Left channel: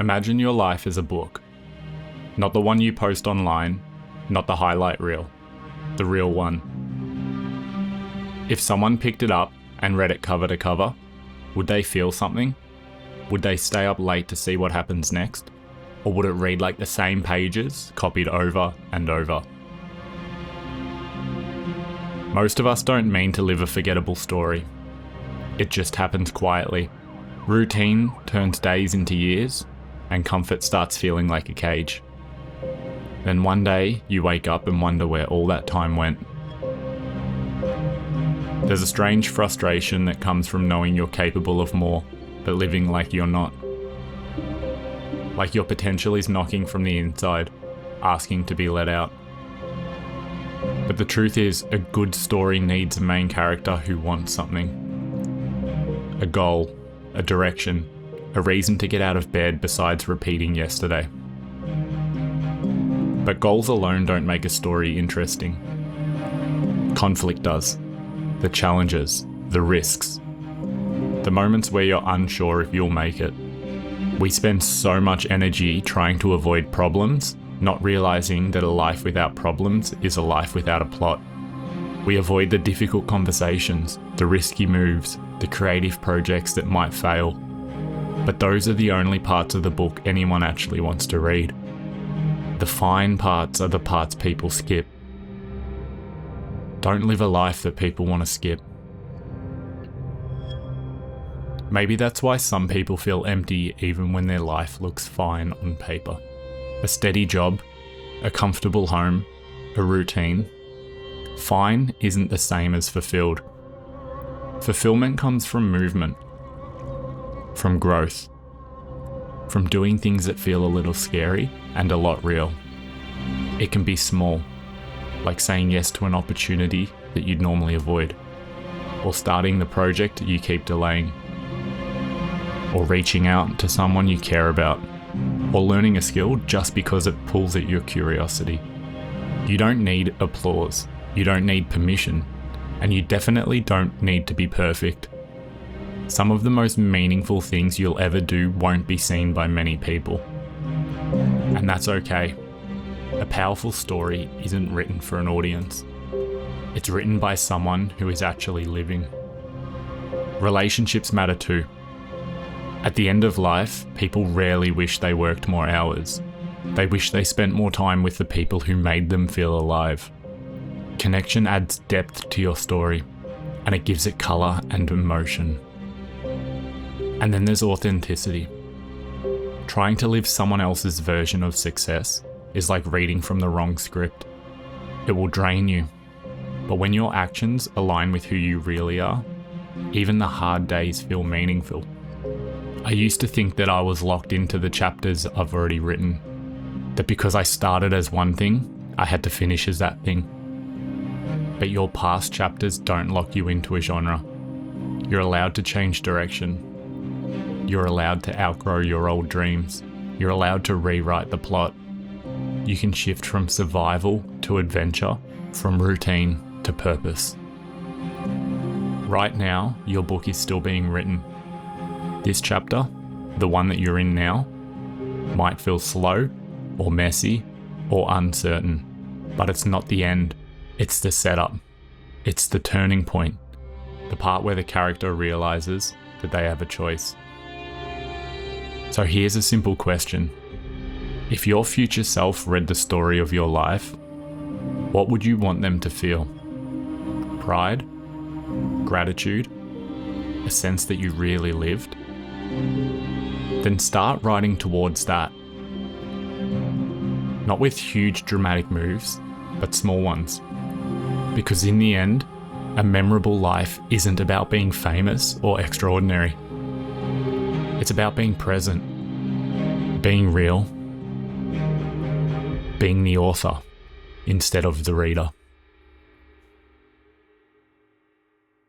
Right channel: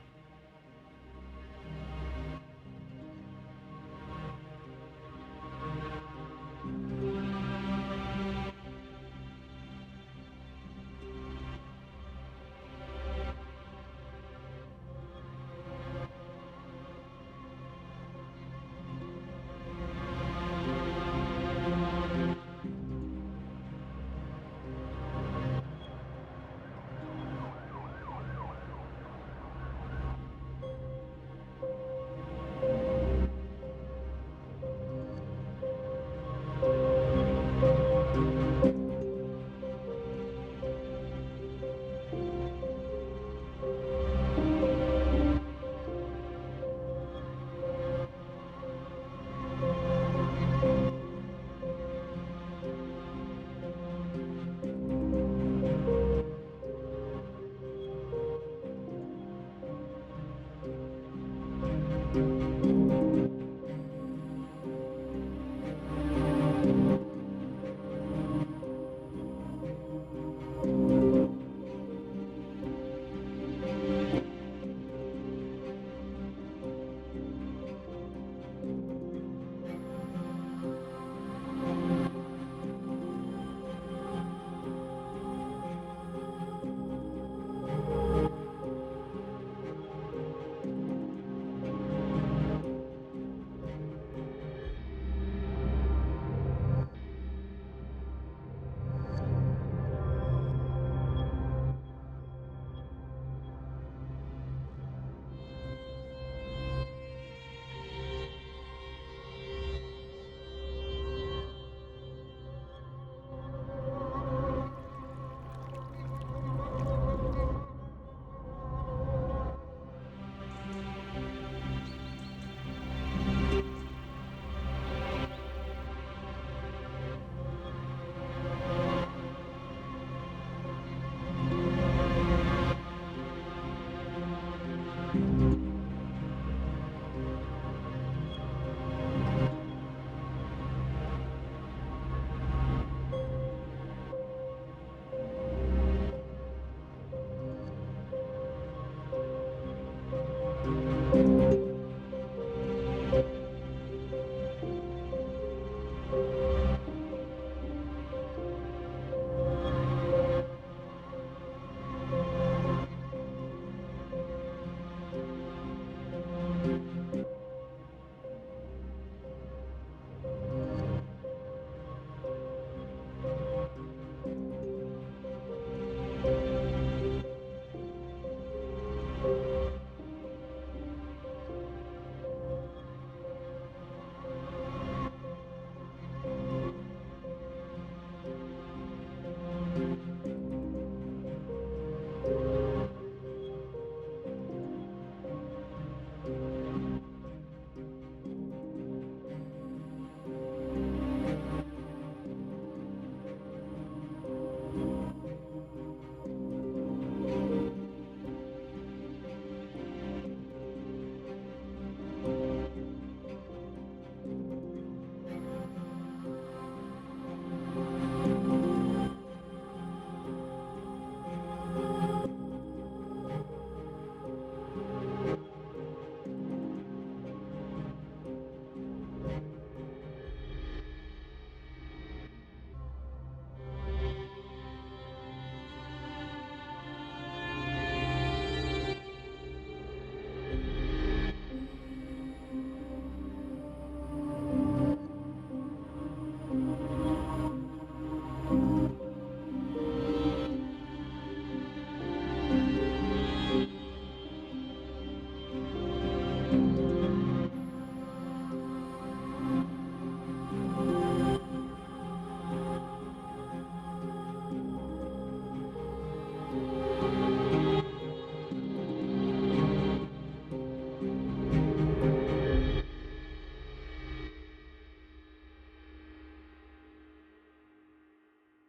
Imagine your life as a book. Not the one you post online, not the highlight reel, the real one. If someone picked it up and read it cover to cover, would they feel something? Would they stay up late to see what happens next? Or would it read like the same pages, copied over and over? Most of us don't mean to live a forgettable story. It just happens quietly. Routine turns days into years, and comfort starts feeling like a cage. Then one day, you wake up and wonder where all that time went. There's a strange frustration that comes from knowing you're capable of more, but living like you're not. Like your potential is knocking from the inside, asking to be let out. But the truth is, a good story needs a main character who wants something. A goal, a direction, a reason to get out of bed besides repeating yesterday. But goals alone don't make a story interesting. Conflict does. The challenges, the risks, the moments where you're unsure if you'll make it. We spend so much energy trying to avoid problems, not realizing that a life without problems is a life without a plot. We avoid the difficult conversations, the risky moves, the creative projects that might fail. But those are the only parts of the book anyone actually wants to read. The fine parts are the parts people skip. Don't live a life that people want to skip. Maybe that's why some people feel empty even when their life looks fine on paper. A steady job, a comfortable home, a routine. Fine isn't the same as fulfilled. Fulfillment comes from movement, from growth, from doing things that feel a little scary and a lot real. It can be small, like saying yes to an opportunity that you'd normally avoid, or starting the project you keep delaying, or reaching out to someone you care about, or learning a skill just because it pulls at your curiosity. You don't need applause, you don't need permission, and you definitely don't need to be perfect. Some of the most meaningful things you'll ever do won't be seen by many people. And that's okay. A powerful story isn't written for an audience. It's written by someone who is actually living. Relationships matter too. At the end of life, people rarely wish they worked more hours. They wish they spent more time with the people who made them feel alive. Connection adds depth to your story, and it gives it colour and emotion. And then there's authenticity. Trying to live someone else's version of success is like reading from the wrong script. It will drain you. But when your actions align with who you really are, even the hard days feel meaningful. I used to think that I was locked into the chapters I've already written. That because I started as one thing, I had to finish as that thing. But your past chapters don't lock you into a genre. You're allowed to change direction. You're allowed to outgrow your old dreams. You're allowed to rewrite the plot. You can shift from survival to adventure, from routine to purpose. Right now, your book is still being written. This chapter, the one that you're in now, might feel slow, or messy, or uncertain, but it's not the end. It's the setup. It's the turning point. The part where the character realizes that they have a choice. So here's a simple question. If your future self read the story of your life, what would you want them to feel? Pride? Gratitude? A sense that you really lived? Then start writing towards that. Not with huge dramatic moves, but small ones. Because in the end, a memorable life isn't about being famous or extraordinary. It's about being present, being real, being the author instead of the reader.